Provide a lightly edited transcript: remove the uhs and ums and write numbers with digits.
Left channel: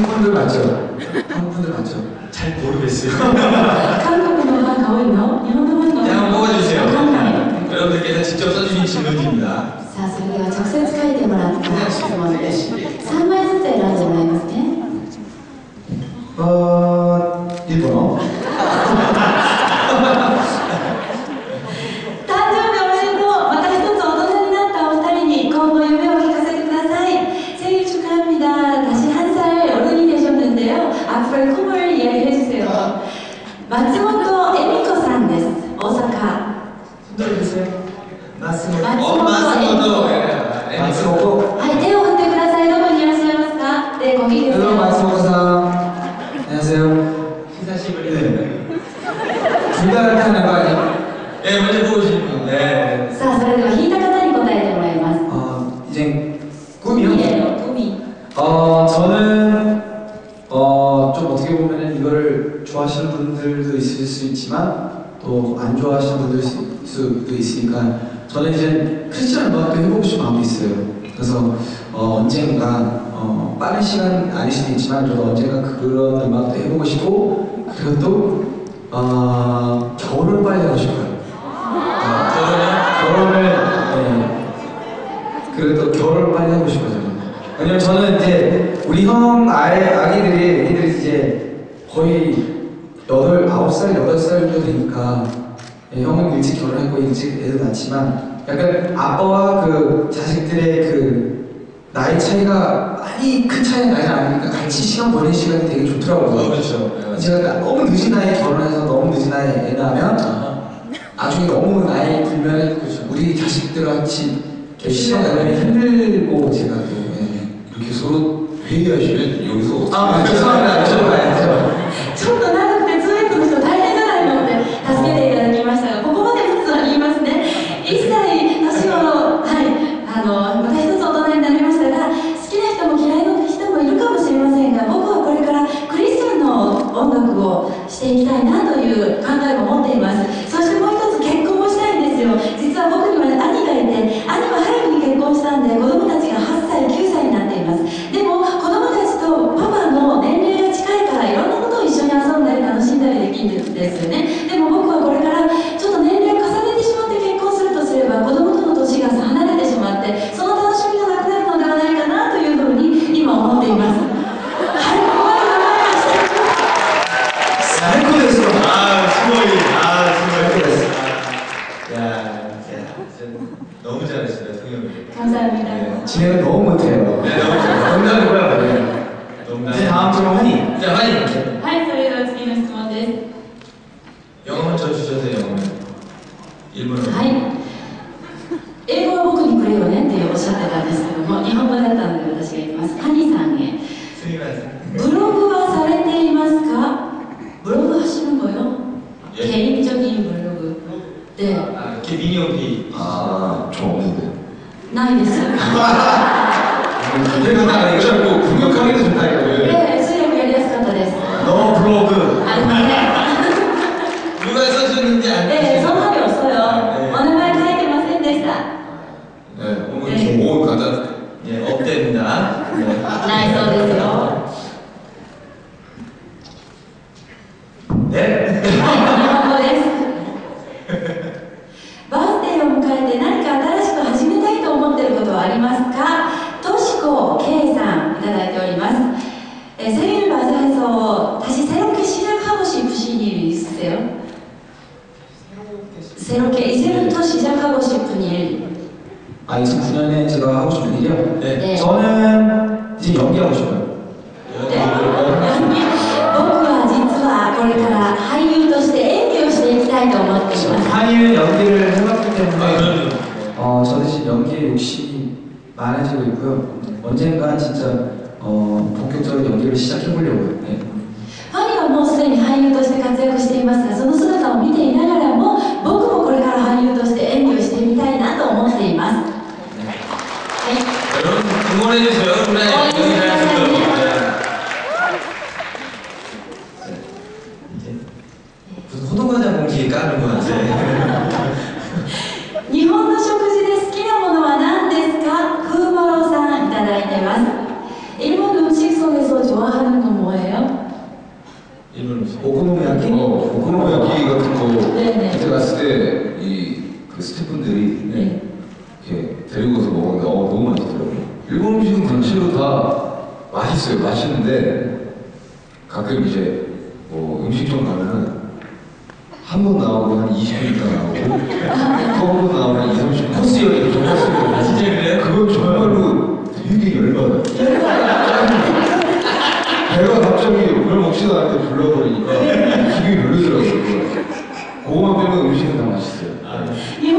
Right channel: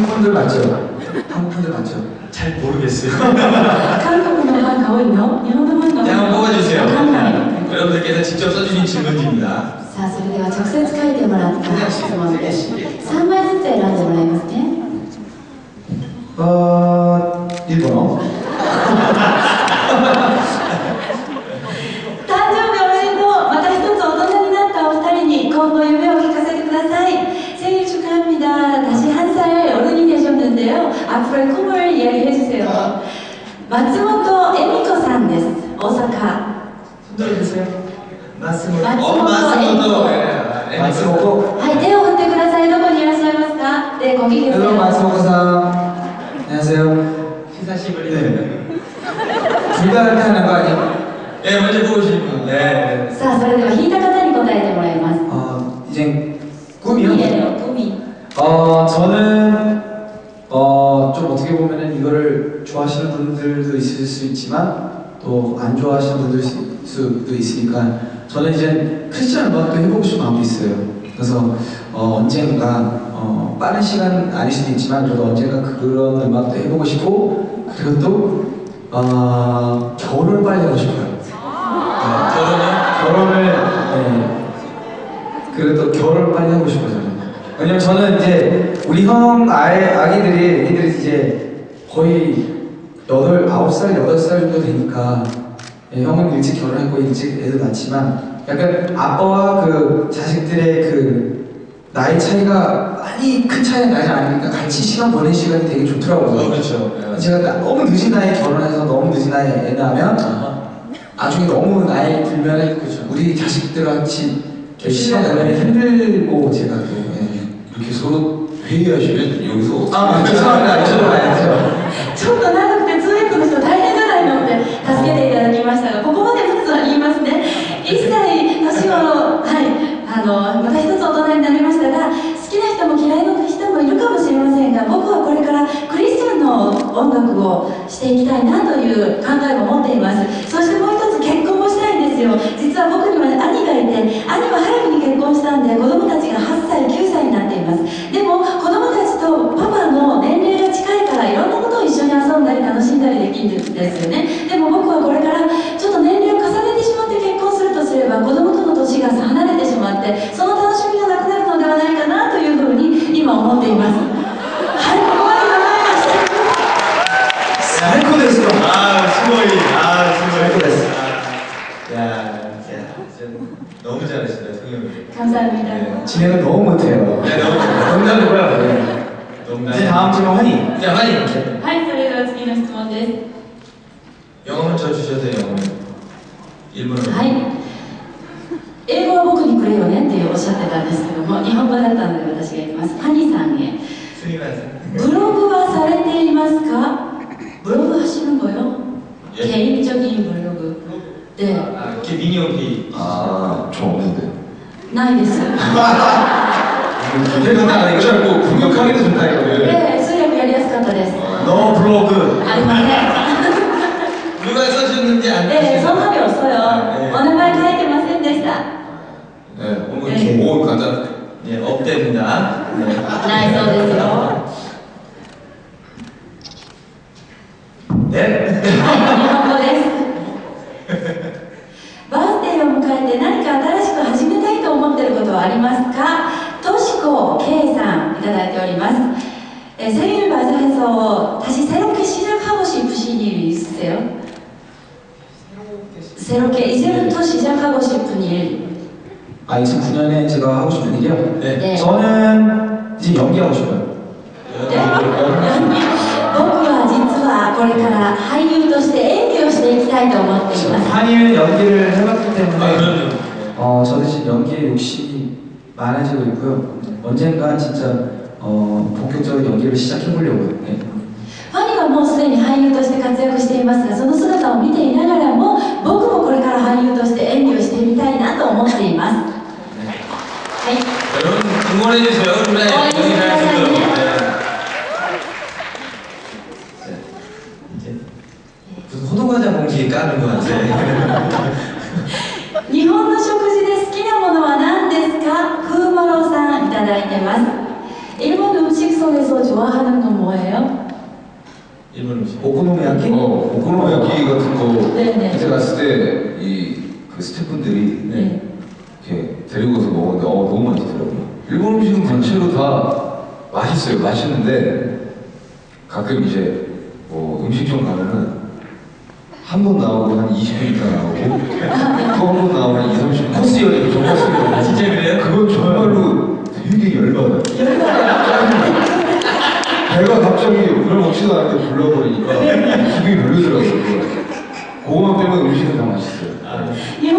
한국분들 맞죠? 한국분들 맞죠? 잘 모르겠어요. 한국어 가多いの? 일본어 네, 한번 뽑아주세요. わかんない。 여러분들께서 직접 써주신 질문입니다. さあ、それでは直接書いてもらった質問です。3枚ずつ選んでもらいますね。일본어? 誕生日おめでとう。また一つ大人になったお二人に今後夢を聞かせてください. 생일 축하합니다. 다시 한 살 어른이 되셨는데요. 앞으로의 꿈을 이야기해주세요. 마츠모토 에미코さんです. 오사카. 손 들어주세요. 마츠모토. 마츠모토. はい、手を振ってください。どこにいらっしゃいますか? 네, 거기 계세요. Hello, 마츠모토-san. 안녕하세요. 시사시부리네. 둘 다 이렇게 하는 거 아니야? 네, 먼저 보여주신 분. 네. さあ、それでは引いた方に答えてもらいます. 이제 꿈이요? 꿈이. 저는 좀 어떻게 보면은 이거를 좋아하시는 분들도 있을 수 있지만 또 안 좋아하시는 분들 수도 있으니까 저는 이제 크리스찬 음악도 해보고 싶은 마음도 있어요. 그래서 언젠가 빠른 시간 아닐 수도 있지만 저도 언젠가 그런 음악도 해보고 싶고 그리고 또 결혼을 빨리 하고 싶어요. 결혼을 네. 그리고 또 결혼을 빨리 하고 싶어요. 저는. 왜냐면 저는 이제 우리 형 아기들이 이제 거의 8살, 8살 정도 되니까 형은 일찍 결혼했고 일찍 애도 낳지만 약간 아빠와 그 자식들의 그 나이 차이가 많이 큰 차이가 나지 않으니까 같이 시간 보내는 시간이 되게 좋더라고요. 그렇죠. 제가 너무 늦은 나이에 결혼해서 너무 늦은 나이에 애 낳으면 나중에 너무 나이 들면 그렇죠. 우리 자식들과 같이 시간 보내면 힘들고 제가 또 이렇게 서로 회의하시면 여기서 죄송합니다. 저도 봐야죠. ちょっと長くて通訳の人大変じゃないのって助けていただきましたが、ここまでまずは言いますね。1歳年頃、はい、また一つ大人になりましたが、好きな人も嫌いな人もいるかもしれませんが、僕はこれからクリスチャンの音楽をしていきたいなという考えを持っています。そしてもう一つ結婚もしたいんですよ。実は僕には兄がいて、兄は早くに結婚したんで子供たちが8歳、9歳になっています。でも子供たちとパパの年齢が近いからいろんなことを一緒に遊んだり楽しんだりできるんですよね。でも僕はこれからちょっと年齢を重ねてしまって結婚するとすれば子供との年が離れてしまってその楽しみがなくなるのではないかなというふうに今思っています。はい、ここまで名前が最高ですよ。すごい。です。너무 잘하시다, 성형님. 감사합니다. 진행을 너무 못해요. 네, 너무 잘해요. 농담이고요. 농담. 이제 다음 질문 환희. 자, 환희. はい、それでは次の質問です。 영어 쳐 주셔서 영어. 일본어로. はい。英語は僕にくれよねっておっしゃってたんですけども、日本語だったので私が言います。ハニーさんへ。 스미마셍. ブログはされていますか? 블로그 하시는 거요? 예. 개인적인 블로그. 네. 이렇게 미니홈피. 저 없는데. ないです。 이거 나 이거 뭐 공격하기도 좋다 이거. 네, 수력やりやすかったです。 너 블로그. ありません。 누가 써주는지 안 네, 보시죠? 성함이 없어요. 네. お名前書いてませんでした。 네, 오늘 간단. 네, 없답니다. 네. ないそうですよ。 네? はい、日本語です。バースデーを迎えて何か新しく始めたいと思っていることはありますか?としこ K さんいただいております。 생일 맞이해서 다시 새롭게 시작하고 싶으신 일이 있으세요? 새롭게 이제부터 시작하고 싶은 일. 2009년에 제가 하고 싶은 일이요? 네. 저는 이제 연기하고 싶어요. 네? 연기? 僕は実はこれから俳優として演技をしていきたいと思っています。 한이는 연기를 해봤기 때문에 그럼요. 저는 지금 연기에 욕심이 많아지고 있고요. 언젠가 진짜 본격적으로 연기를 시작해보려고요. 네. ファニーはもうすでに俳優として活躍していますが、その姿を見ていながらも僕もこれから俳優として演技をしてみたいなと思っています。はい。 여러분 응원해주세요. 그래. 무슨 호두과자 봉지에 까는 거 같아. 日本の食事で好きなものは何ですか? 風マロさんいただいてます。 일본 음식 속에서 좋아하는 가서 먹었는데 너무 맛있더라고요. 일본 음식은 전체로 다 맛있어요. 맛있는데 가끔 이제 뭐 음식점 가면은 한 번 나오고 한 20분 있다 나오고 또 한 번 나오고 한 2, 30분 코스 요리, 저 코스 요리. 아, 진짜 그래요? 그건 정말로 되게 열받아요. 배가 갑자기 별 먹지도 않는데 불러버리니까 기분이 별로더라고요. 그거만 빼면 음식은 다 맛있어요.い